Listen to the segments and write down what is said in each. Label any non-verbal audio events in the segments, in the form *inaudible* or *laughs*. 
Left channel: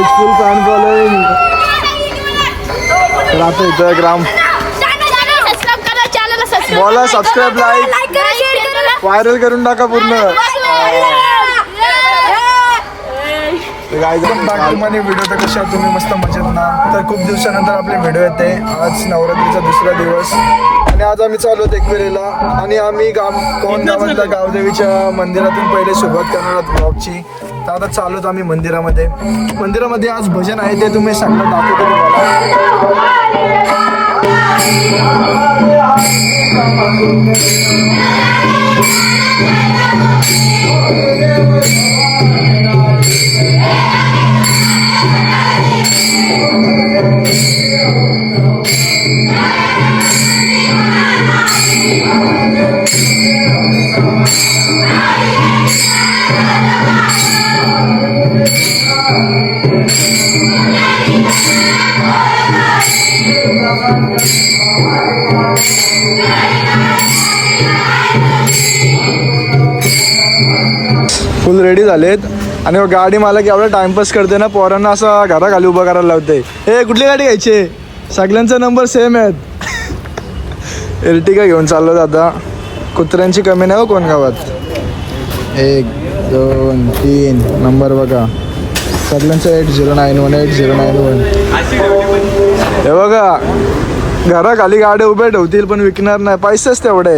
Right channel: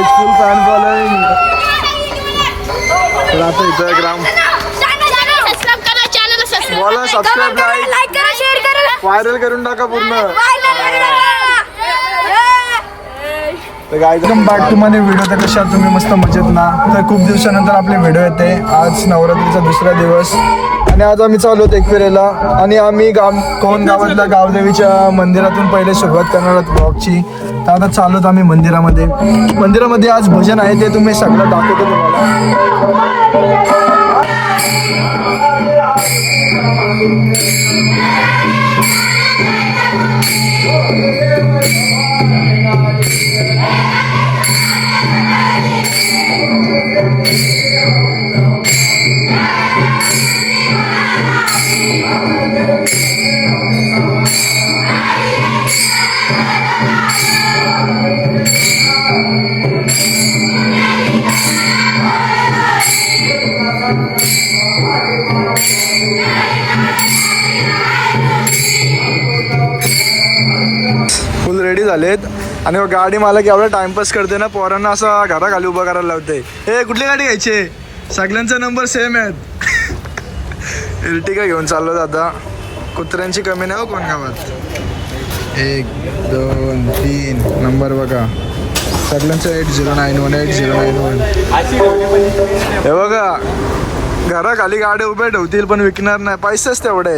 Guys फुल fan following तर आता इथं ग्राम बोला सबस्क्राईब लाईक लाईक करा शेअर करा व्हायरल करून टाका पूर्ण वेलकम बॅक टू माझे व्हिडिओ तर कशा तुम्ही मस्त मजेत ना. तर खूप दिवसानंतर आपले व्हिडिओ येते. आज नवरात्रीचा दुसरा दिवस. आणि आज आम्ही चालू होतो एकविरेला. आणि आम्ही गाव कोण गावातल्या गावदेवीच्या मंदिरातून पहिले सुरुवात करणार आहोत ब्लॉगची तर आता चालू आम्ही मंदिरामध्ये. मंदिरामध्ये आज भजन आहे ते तुम्ही सगळं दाखवतो तुम्हाला. फुल रेडी झालेत. आणि हो, गाडी मला एवढा टाइमपास करते ना पोरांना असं घराखाली उभं करायला लावते हे कुठली गाडी घ्यायची? सगळ्यांचा नंबर सेम आहेत. *laughs* एर्टिका घेऊन चाललो आता कुत्र्यांची कमी नाही हो कोण गावात. एक दोन तीन. नंबर बघा. सगळ्यांचा eight zero nine one eight zero nine one हे बघा घराखाली गाड्या उभ्या ठेवतील पण विकणार नाही. पैसेच तेवढे.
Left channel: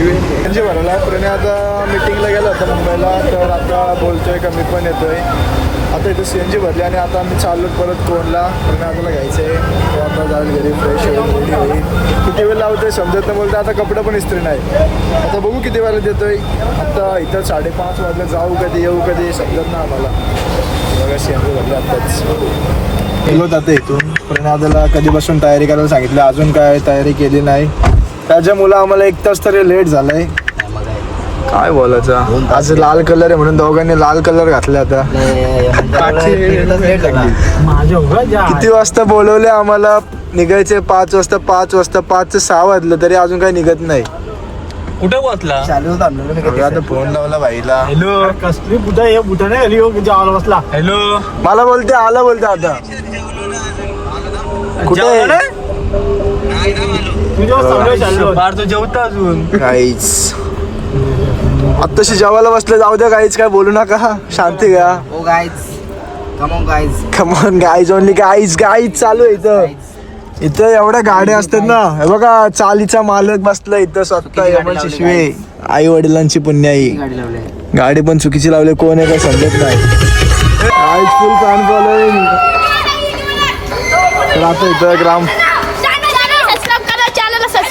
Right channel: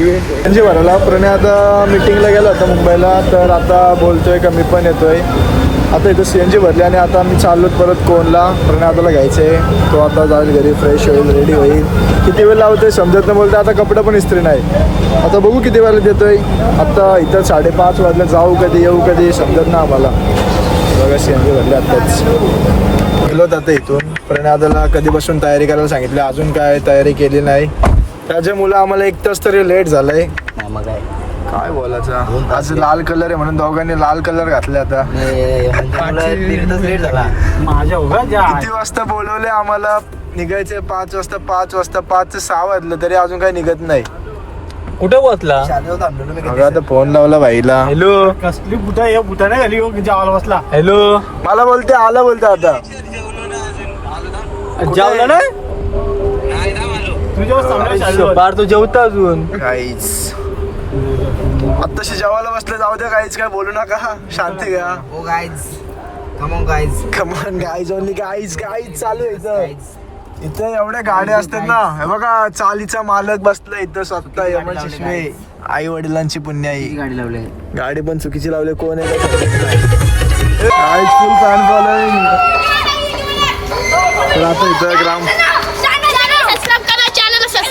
म्हणजे भरायला प्रणे आता मिटिंगला गेला होता मुंबईला तर आता बोलतोय का मी पण येतोय. आता इथं सी एन जी भरली आणि आता आम्ही चाललो परत कोणला. प्रणय आताला घ्यायचंय. तो आता जाईल घरी फ्रेश होईल रेडी होईल. किती वेळ लावतोय समजत नाही बोलते आता कपडे पण इस्त्री नाही. आता बघू किती वेळा देतोय. आता इथं साडेपाच वाजला जाऊ कधी येऊ कधी समजत ना आम्हाला. बघा जी भरली आत्ताच गेलो आता इथून. कधीपासून तयारी करायला सांगितलं अजून काय तयारी केली नाही. त्याच्यामुळं आम्हाला एक तास तरी लेट झालंय. काय बोलायचं? आज लाल कलर आहे म्हणून दोघांनी लाल कलर घातले आता. किती वाजता बोलवले आम्हाला? निघायचे पाच वाजता पाच वाजता पाच ते सहा वाजलं तरी अजून काही निघत नाही. कुठे बसला? अगं आता फोन लावला भाईला. हॅलो. कसली बुटा हे बुटा नाही घाली हो की जेवायला बसला. हॅलो. मला बोलते आला बोलते आता. कुठे? आहे? जेवला नाही? तो जेवता अजून. काहीच. आत्ताशी जेवायला बसले जाऊ द्या काहीच काय बोलू नका. शांती घ्या. come on guys. Come on guys only guys guys चालू आहे इथं. इथं एवढ्या गाड्या असतात ना. हे बघा चालीचा मालक बसला इथं स्वतः यमन शिशवे आई वडिलांची पुण्याई. गाडी लावली. गाडी पण चुकीची लावली कोण आहे समजत नाही. फुल फॅन फॉलोईंग तर आता इथं ग्राम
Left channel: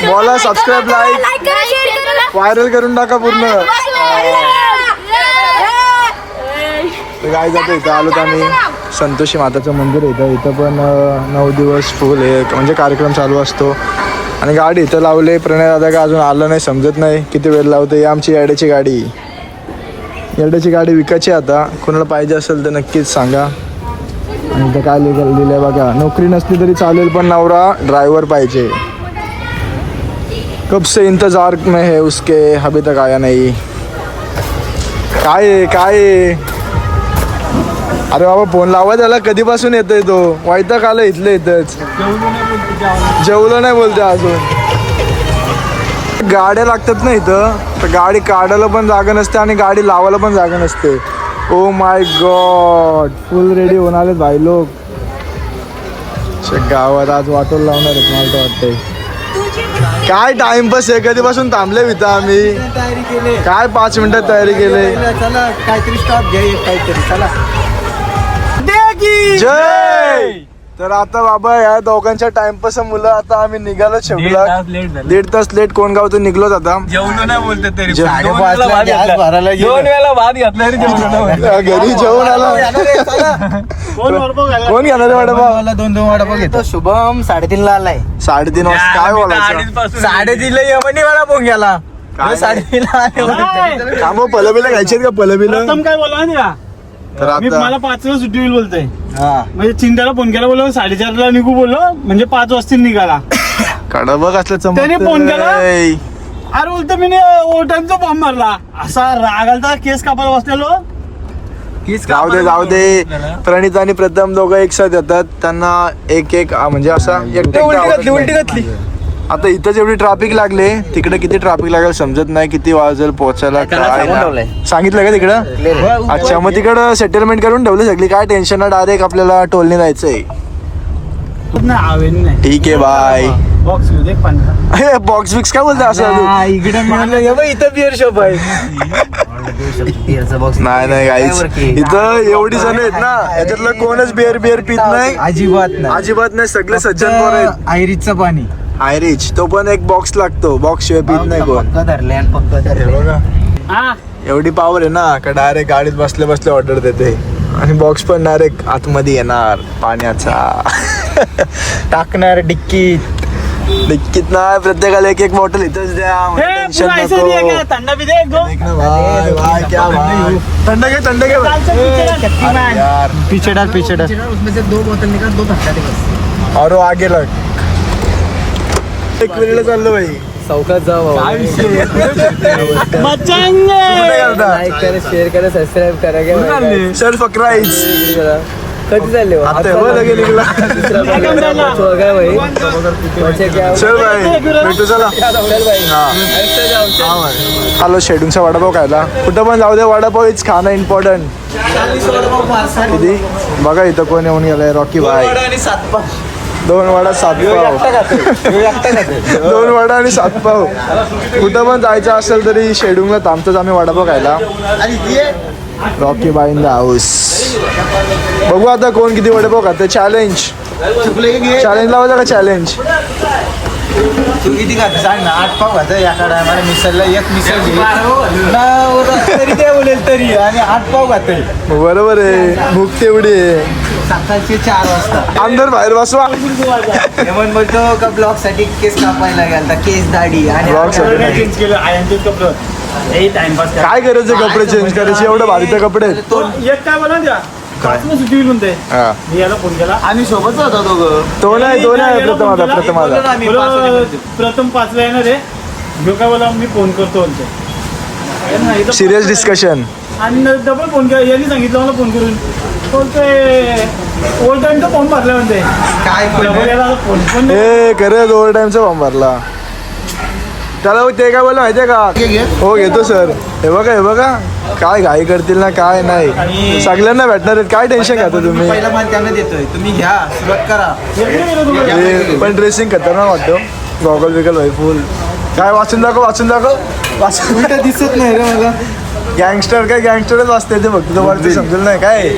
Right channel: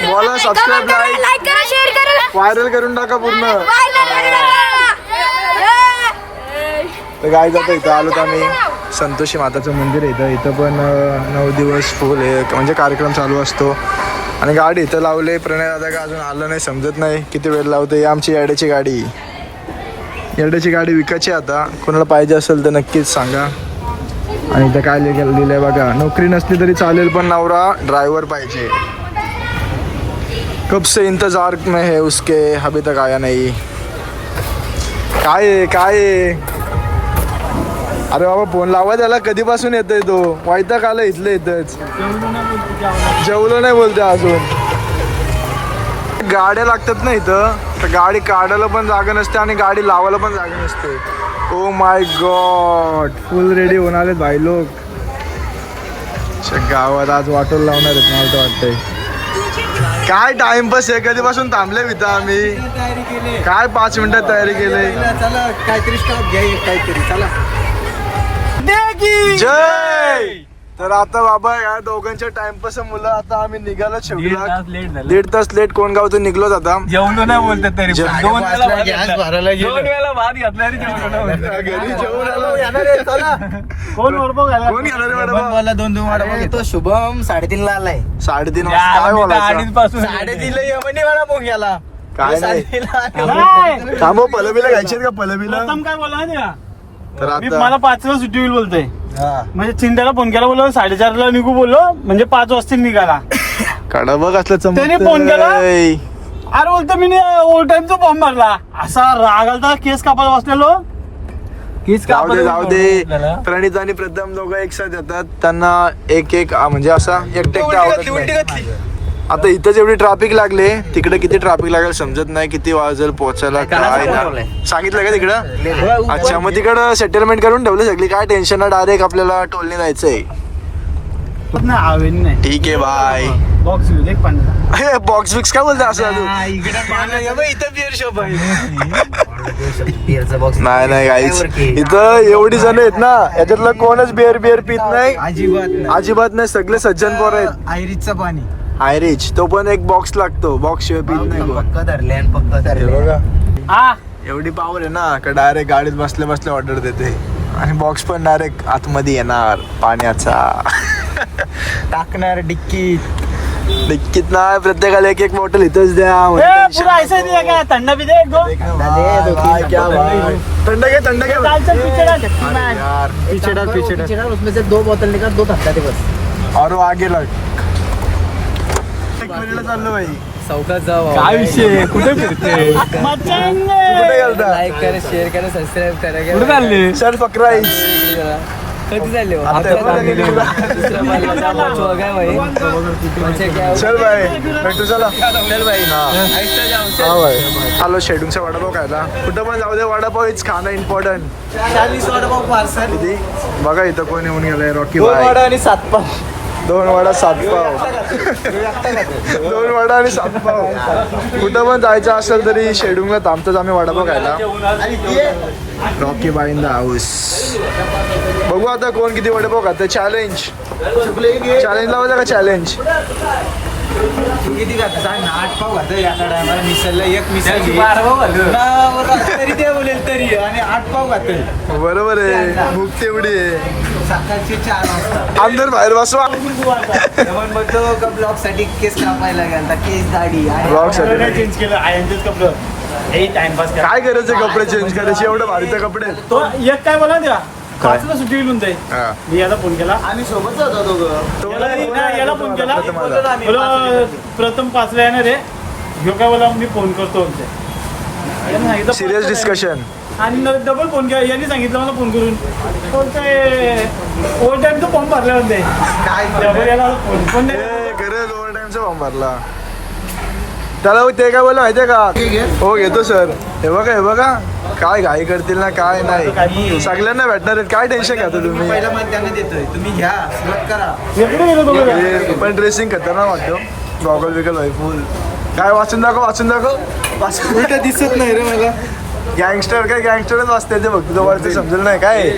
बोला सबस्क्राईब लाईक लाईक करा शेअर करा. व्हायरल करून टाका पूर्ण. तर गाईज आता इथं आलो तर आम्ही. संतोषी माताचं मंदिर आहे इथं. इथं पण नऊ दिवस फुल आहे म्हणजे कार्यक्रम चालू असतो. आणि गाडी इथं लावले प्रणय दादा का अजून आलं नाही समजत नाही. किती वेळ लावते? ही आमची याड्याची गाडी. याड्याची गाडी विकायची आहे आता. कोणाला पाहिजे असेल तर नक्कीच सांगा. आणि इथं काय लिहिलं आहे बघा. नोकरी नसली तरी चालेल पण नवरा ड्रायव्हर पाहिजे. कब से इंतजार में है उसके. अभी तक आया नाही. काय आहे, काय आहे? अरे बाबा फोन लावा त्याला. कधीपासून येतोय तो? वायताक आलं इथलं इथंच. जेवलो नाही बोलते अजून. गाड्या लागतात ना इथं. तर गाडी काढायला पण जागा नसते आणि गाडी लावायला पण जागा नसते. Oh my God full ready होणार आहेत भाई लोक. गावात आज वाटोल लावणार आहेत मला तर वाटतंय. काय टाइमपास आहे? कधीपासून थांबले इथं आम्ही? काय पाच मिनिटात तयारी केली? चला काहीतरी स्टॉप घ्या काहीतरी. चला. जय! तर आता बाबा या दोघांच्या टाइमपास मुलं आता आम्ही निघालो शेवटीला. दीड तास लेट कोण गावतून निघलोच आता. जेवलो नाही बोलतात तरी जेव- पण. दोन वेळा भात गॅस घेतला. भरायला गेलो. दोन वेळा भात घातला तरी जेवलो नाही. घरी जेवण आला. कोण वरपाव घाला कोण घेणार मॅडम मला दोन दोन घेतो. शुभम साडेतीन ला आलाय. साडेतीन वाजता काय बोलायचं? अडीचपासून- साडेतीनला यमनी मला फोन गेला काय नाही. थांबव पलबीला घ्यायचे का पलबीला? काय बोला तर मी आता मला पाच वाजता सुट्टी होईल बोलतोय. हा. म्हणजे चिंताला फोन केला बोललो साडेचारला निघू बोललो म्हणजे पाच वाजता निघाला *coughs* काढा बघ असलं त्याने फोन केला? चमकतंय. अरे बोलतो मी ओटांचा फॉर्म भरला असा राग आलता केस कापायला बसलेलो. जाऊ दे जाऊ दे. प्रणित आणि प्रथम दोघं एक साथ येतात. त्यांना एक एक आ, म्हणजे असा एकटे एकटे आवडत नाही. आता इथं जेवढी ट्रॅफिक लागले तिकडे किती ट्रॅफिक लागेल समजत नाही किती वाजेल पोहोचायला काय ना. सांगितलं का तिकडं? अच्छा मग तिकडं सेटलमेंट करून ठेवली सगळी. काय टेन्शन नाही डायरेक्ट आपल्याला टोलने जायचंय. ना ठीक आहे बाय बॉक्स बॉक्स बिक्स काय बोलते असं? *laughs* नाही नाही गाईच इथं एवढी जण आहेत ना याच्यातलं कोणच बिअर बिअर पित नाही. अजिबात नाही. अजिबात नाही सगळे सज्जन पोर आहेत. आयरीचं पाणी. आयरिच तो पण एक बॉक्स लागतो बॉक्स शिवाय पित नाही कोण पक्का धरले आणि पक्का हे धरले बघा हा एवढी पावर आहे ना का डायरेक्ट गाडीत बसले बसले ऑर्डर देते आणि बॉक्स पण डायरेक्ट आतमध्ये येणार पाण्याचा टाकणार डिक्कीत डिक्कीत नाही प्रत्येकाला एक एक बॉटल इथंच द्या म्हणजे ए, tension पुरा ऐसा नको. दिया क्या थंडा भी दे एकदम देख ना भाई भाई क्या भाई थंड घे थंड घे भाई. अरे यार पीछे डाल पीछे डाल उसमें से दो बोतल निकाल दो धक्का दे बस और वो आगे लग एक मिनिट चाललो भाई. चौकात. कुठे गेलता? लाईक करा शेअर करा सबस्क्राईब करा काय सर फक्राईज कधी चालले हो? आता एवढं लगे निघला. दुसरा पाचवा काय भाई. पाचवा क्या चल भाई. भेटू चला. चल भाई. हा. हा भाई. आलो शेडूंगचा वडापाव खायला. कुठं पण जाऊ दे वडापाव इच खाणं इम्पॉर्टंट किती? बघा इथं कोण येऊन गेलाय रॉकी भाई. दोन वडा सात पाव. *laughs* दोन वडा आणि सात पाव. कुठं पण जायचं असेल तरी शेडूंगला थांबतोच आम्ही वडापाव खायला Rocky by in the house बघू आता कोण किती वडापाव खाते चॅलेंज चॅलेंज लावायचं का चॅलेंज तू किती खात सांग ना आठ पाव खात या टायमाला मिसळला एक मिसळ घे. ना वर तरी ते बोलेल तरी. आणि आठ पाव खात बरोबर आहे. भूक तेवढी आहे. सकाळचे चार वाजता. अंदर बाहेर बसवा. हेमंत बोलतो का ब्लॉगसाठी केस कापायला गेलता केस दाढी आणि ब्लॉगसाठी. चेंज केलं आयनचेच कपडे हे टाइमपास काय करायचे? कपडे चेंज करायचे एवढं भारीचे कपडे आहेत. तो एक काय बोला काय? सुट्टी होईल म्हणते हा. मी याला फोन केला. आम्ही सोबत होता दोघं. तो नाही तो नाही याला प्रथम फोन आला केला. प्रथम आला बोलो प्रथम पाचला येणार आहे. घेऊ काय बोला मी फोन करतो म्हणते यानं सांगितलं सिरियस डिस्कशन आणि डबल फोन केला. यांनी सांगितलं मला फोन करून. बोलते ओल्ड टाइमचा फॉर्म भरला म्हणते. डबल याला फोन पण नाही. ए खरं दोन टाइमचा फॉर्म भरला. त्याला ते काय बोलला माहितीये का? हो घेतो सर हे बघा हे बघा. काय घाई करतील ना काय नाही. सगळ्यांना भेटणार आहेत. काय टेन्शन घेता तुम्ही? पहिला मान त्यांना देतोय. तुम्ही घ्या सुरुवात करा. येतो येतो तुम्हाला. हे पण ड्रेसिंग खतरनाक वाटतो गॉगल बिगल भाई फुल काय वाचून दाखव वाचून दाखव. वाचून दिसत नाही रे मला. गँगस्टर काय गँगस्टरच वाचते ते फक्त. तुम्हाला ते समजेल नाही काय?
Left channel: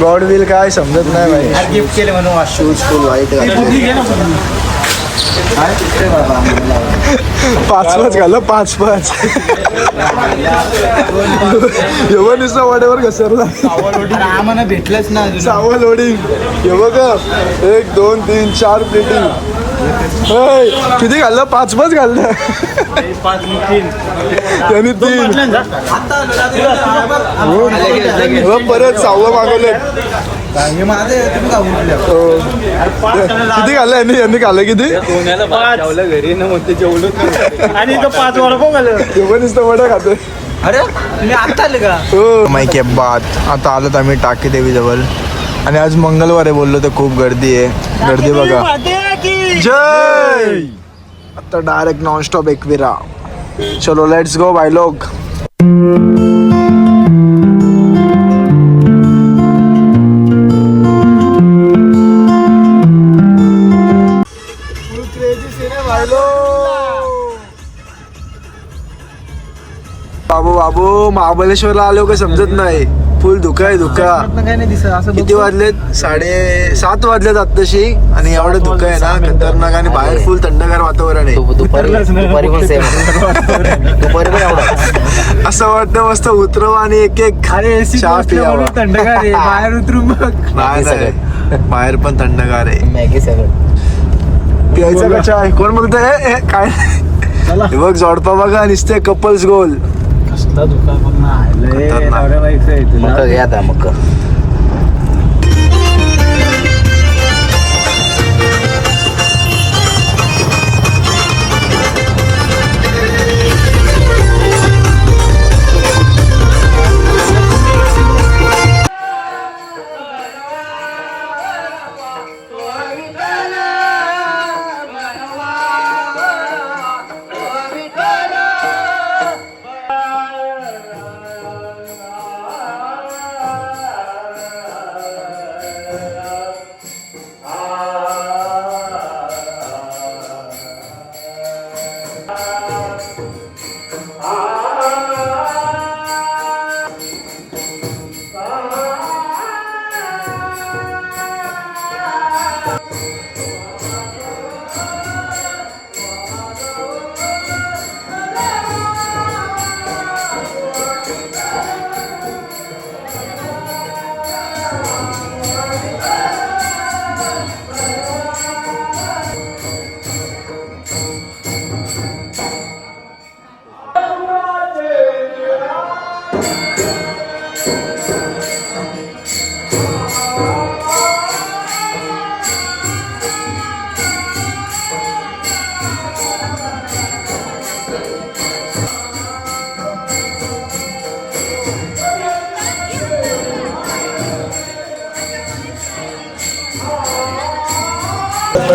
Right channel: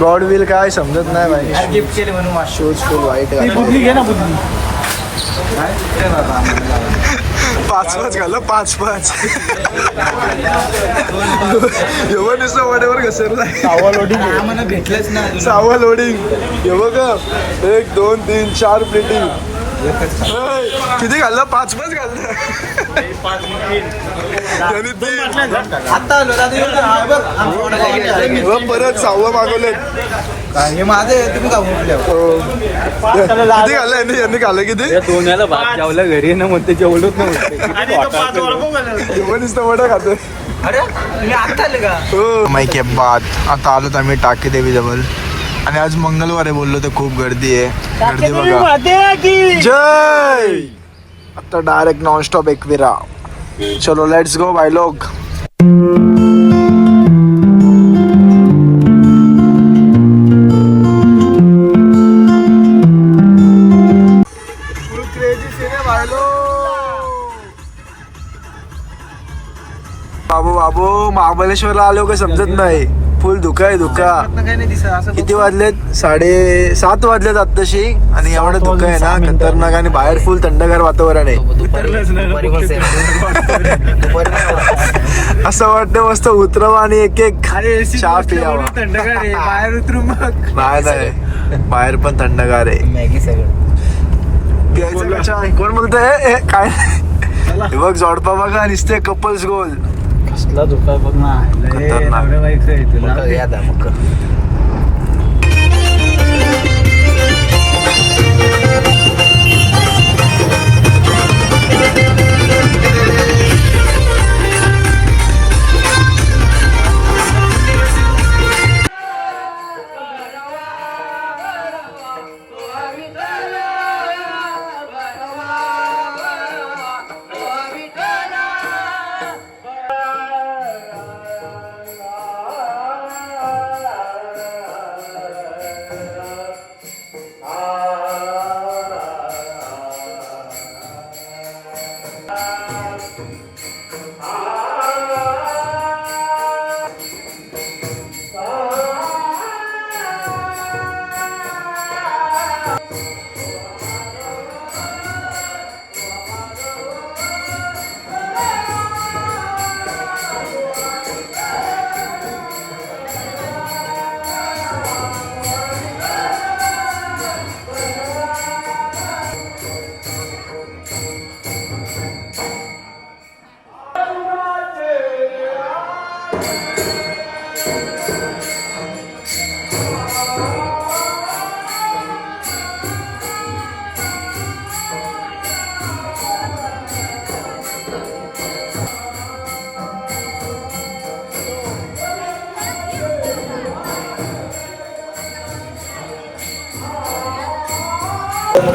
गॉड विल काय समजत नाही भाई गिफ्ट केले म्हणून वाश शूज फुल वाईट घातले. पाच पाच घाल पाच पाच. एवढं आम्हाला भेटलेच नाही. सहावं लोडिंग हे बघा एक दोन तीन चार प्लेटिंग किती घाललं? पाच पाच घाललं त्यांनी तीन. परत सहावं मागवलेत हे. माझं आहे, तुम्ही का उठल्या. किती घाललं यांनी? यांनी खाल्लं किती? आणि तो पाच वडापाव घालला. एवढं नुसतं वडा अरे का? हो. माहिती आहे बात. आता आलो आम्ही टाकी देवी जवळ. आणि आज मंगळवार आहे बोललो तर खूप गर्दी आहे. गर्दी बघा. जय! आता डायरेक्ट नॉनस्टॉप एकविरा चलो लेट्स गो बाय लोग. बाबू बाबू महाबळेश्वरला आलो का समजत नाही? फुल धुका आहे धुका. किती वाजलेत? साडे सात वाजलेत आत्ताशी आणि एवढं धुकं आहे ना खतरनाक आणि बाहेर फुल थंडगार वातावरण आहे. असं वाटतं मस्त उतरवा आणि एक एक चहा पियावा थंडगार आहे. बाहेर उतरून बघ नाही नाही. बाहेर पण थंडगार आहे. मॅगी सगळं प्यायचा का चहा? कोण बोलतंय काय? हे बघ जोडपा बघा नुसते कपल्स गोल कसला दुःख खतरनाक. मग घे आता मग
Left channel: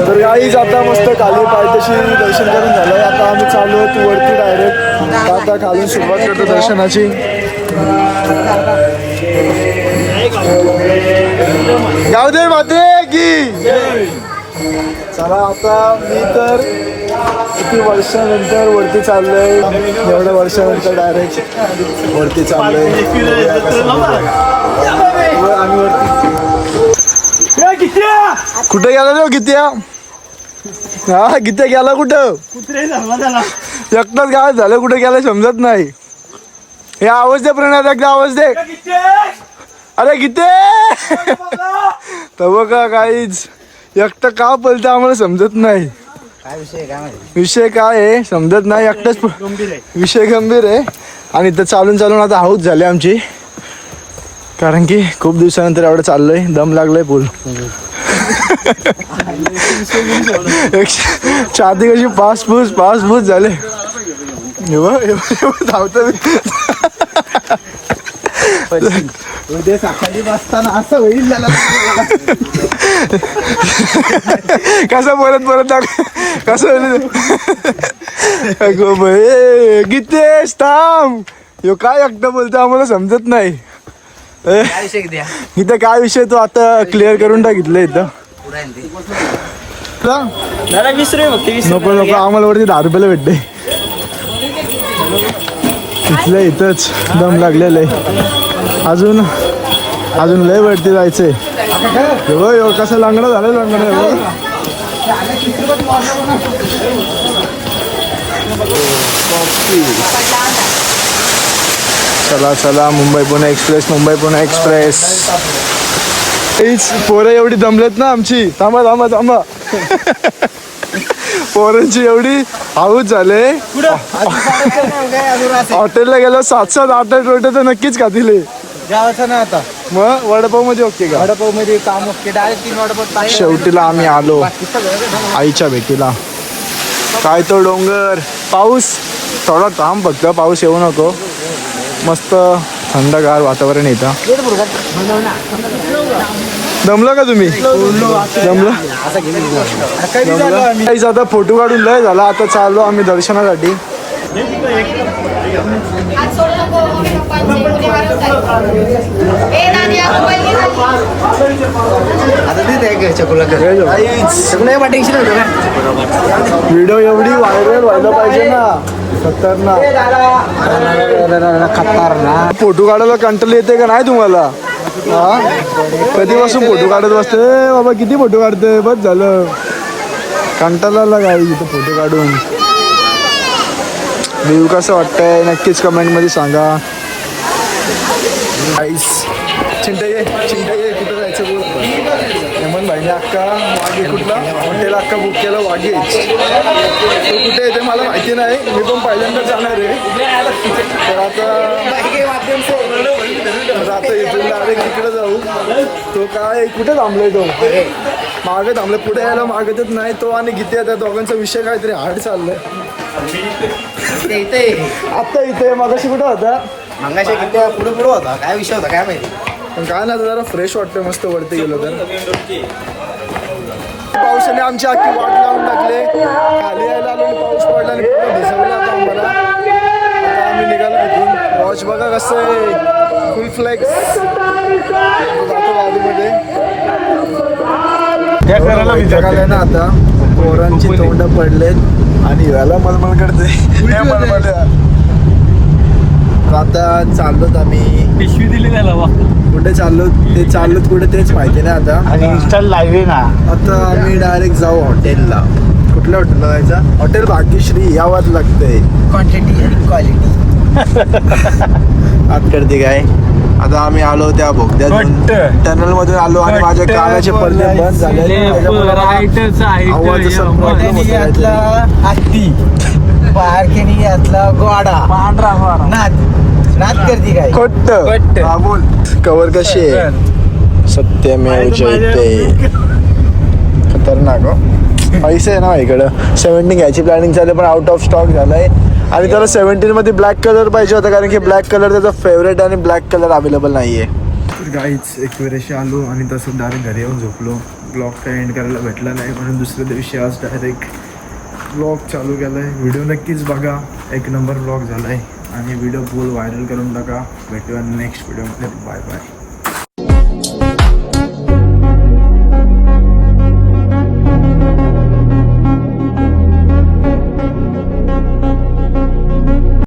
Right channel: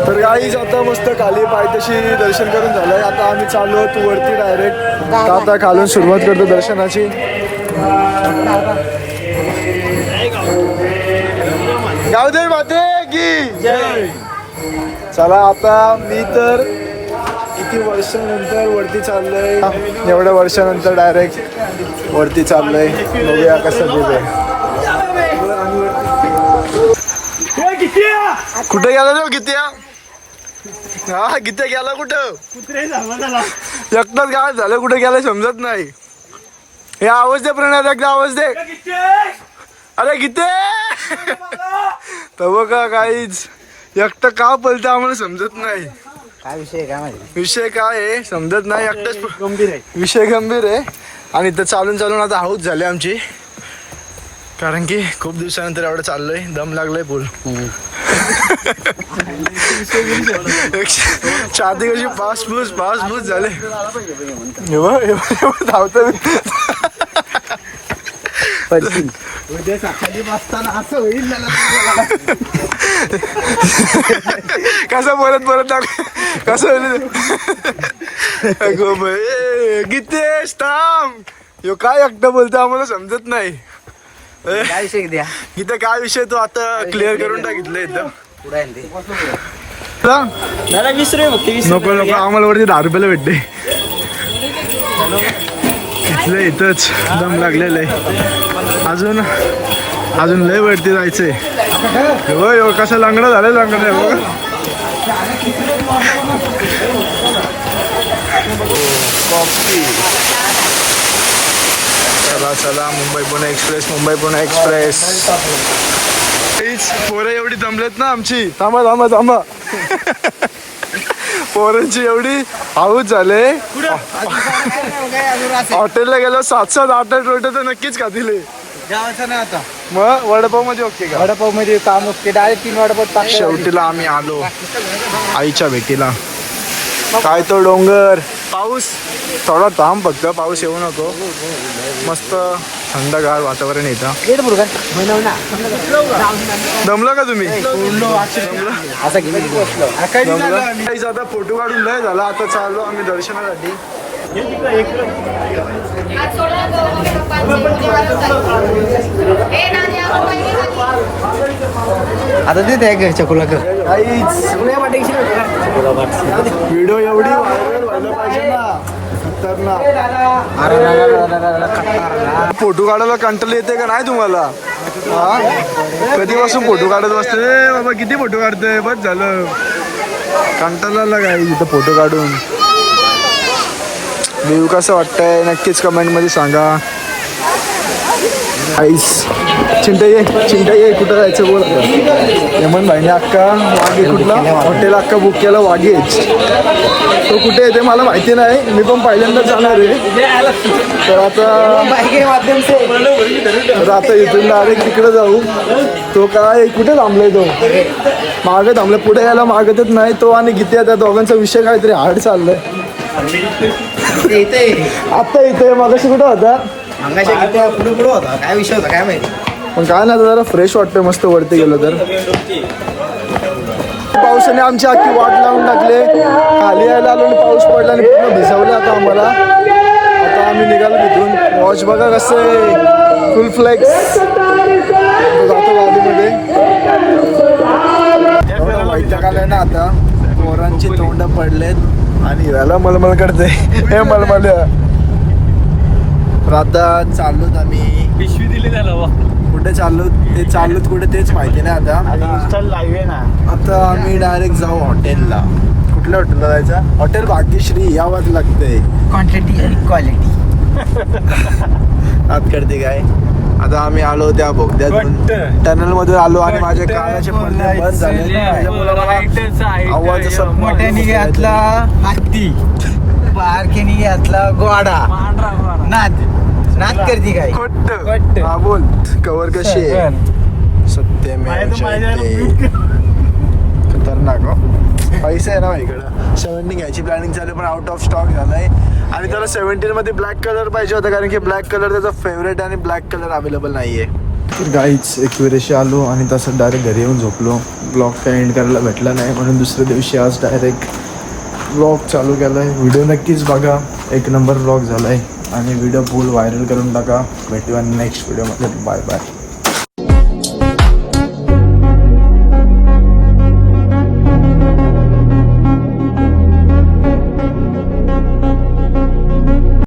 तर गाईज आता मस्त खाली पायथ्याशी दर्शन करून झालंय. आता आम्ही चालू आहोत वरती डायरेक्ट आता खालून सुरुवात करतो दर्शनाची. गावदे माते की। चला आता मी तर किती वर्षानंतर वरती चाललोय. एवढ्या वर्षानंतर डायरेक्ट वरती चाललोय? कुठे गेला तो किती हा किती गेला कुठं? एकटाच गावात झालं कुठे गेलं समजत नाही. हे आवाज दे प्रणय एकदा आवाज दे? अरे किती *laughs* तर बघा काहीच एकटं का पलतं आम्हाला समजत नाही. विषय काय आहे? समजत नाही एकटाच विषय गंभीर आहे. आणि इथं चालून चालून आता हाऊस झाली आमची. कारण की खूप दिवसानंतर एवढं चाललंय दम लागलाय पूल. *laughs* छाती कशी पाच फूस पाच फूस झाले धावतो मी उद्या सकाळी बसताना असं होईल त्याला कसं परत परत कसं अगो बाई गीतेश थांब. ह्यो काय एकटं बोलतो आम्हाला समजत नाही. इथं काय विषय तू आता क्लिअर करून टाकितलं इथं नको नको आम्हाला वरती दहा रुपयाला भेटते इथलं इथंच दम लागलेलं आहे. अजून अजून लय वरती जायचंय. हे कसा लंगडा झालाय लंगडा बघ चला चला मुंबई पुणे एक्सप्रेस मुंबई पुणे एक्सप्रेस. हीच पोरं एवढी दमलेत ना आमची. थांबा थांबा थांबा. पोरांची एवढी हाऊस झाले. हॉटेलला गेलो सात सात आठ आठ रोटे तर नक्कीच खातील आता. मग वडापावमध्ये ओके का? वडापावमध्ये काम असते डायरेक्ट तीन वडापाव टाईम शेवटीला आम्ही आलो. आईच्या भेटीला. काय तो डोंगर? पाऊस? थोडा थांब फक्त पाऊस येऊ नको. मस्त थंडगार वातावरण येतं दमलं का तुम्ही? दमलं? काहीच आता फोटो काढून लय झाला. आता चाललो आम्ही दर्शनासाठी. आता ते त्या घरच्या नाही वाटायची व्हिडिओ एवढी व्हायरल व्हायला पाहिजे ना. खतरनाक. फोटो काढायला कंटाळ येते का नाही तुम्हाला? हा? कधीपासून फोटो काढत बसते बाबा किती फोटो काढते बस झालं. कंटाळाला काय इथं फोटो काढून? व्ह्यू कसं वाटतंय? नक्कीच कमेंटमध्ये सांगा. आईस चिंता ये चिंता ये कुठं जायचं बोल आता? हेमंत भाईने अक्का वाघे कुठला? हॉटेल अक्का बुक केला वाघेच तो कुठे येते मला माहिती नाही. मी पण पहिल्यांदाच जाणार आहे. तर आता तर आता इथून डायरेक्ट तिकडे जाऊ. तो काय कुठे थांबलाय तो? मागे थांबलाय. पुढे यायला मागतच नाही तो आणि गीते त्या दोघांचा विषय काहीतरी हार्ड चाललाय. आता इथे. मागाशी कुठं होता? मंगाच्या किती पुढे पुढे होता. काय विषय होता काय माहिती? पण काय ना जरा फ्रेश वाटतं मस्त वरती गेलो तर. पावसाने आमची अख्खी वाट लावून टाकले. खाली यायला आलो आणि पाऊस पडला आणि पूर्ण भिजवले आता आम्हाला. आता आम्ही निघालो तिथून. वॉच बघा कसं आहे. फुल फ्लेक्स जातो गाडीमध्ये. ना आता. पोरांची तोंड पडलेत. आणि याला मलमल करते हे मलमल. आता चाललोत आम्ही. पिशवी दिली त्याला वा कुठे चाललो ते चाललोत कुठे तेच माहिती नाही आता. इंस्टा लाईव्ह ना. आता आम्ही डायरेक्ट जाऊ हॉटेलला कुठल्या हॉटेलला जायचं? हॉटेल भाग्यश्री यावंच लागतंय. क्वांटिटी क्वालिटी *laughs* आत करते काय? आता आम्ही आलो त्या घट्ट. टनल मधून आलो आणि माझे कानाचे पडदे बंद झाले. त्याच्यामुळे मला आवाज असा प्रॉब्लेम होतो. हत्ती. पारखेने घातला गोडा. नाद. नाच करती काय? खोट्ट. हा बोल. कवर कशी आहे? सत्यमेव जयते. खतरनाक हो. पैसे आहे ना माझ्याकडं. सेवन्टीन घ्यायची प्लॅनिंग चालू पण आउट ऑफ स्टॉक झालाय. आणि त्याला सेवन्टीन मध्ये ब्लॅक कलर पाहिजे होता कारण की ब्लॅक कलर त्याचा फेवरेट आणि ब्लॅक कलर अवेलेबल नाहीये. तर गाईच एक वेळेशी आलो आणि तसं डायरेक्ट घरी येऊन झोपलो. ब्लॉग काय एंड करायला भेटला नाही म्हणून दुसऱ्या दिवशी आज डायरेक्ट ब्लॉग चालू केला आहे व्हिडिओ नक्कीच बघा. एक नंबर ब्लॉग झाला आहे आणि व्हिडिओ फुल व्हायरल करून टाका. भेटूया नेक्स्ट व्हिडिओमध्ये बाय बाय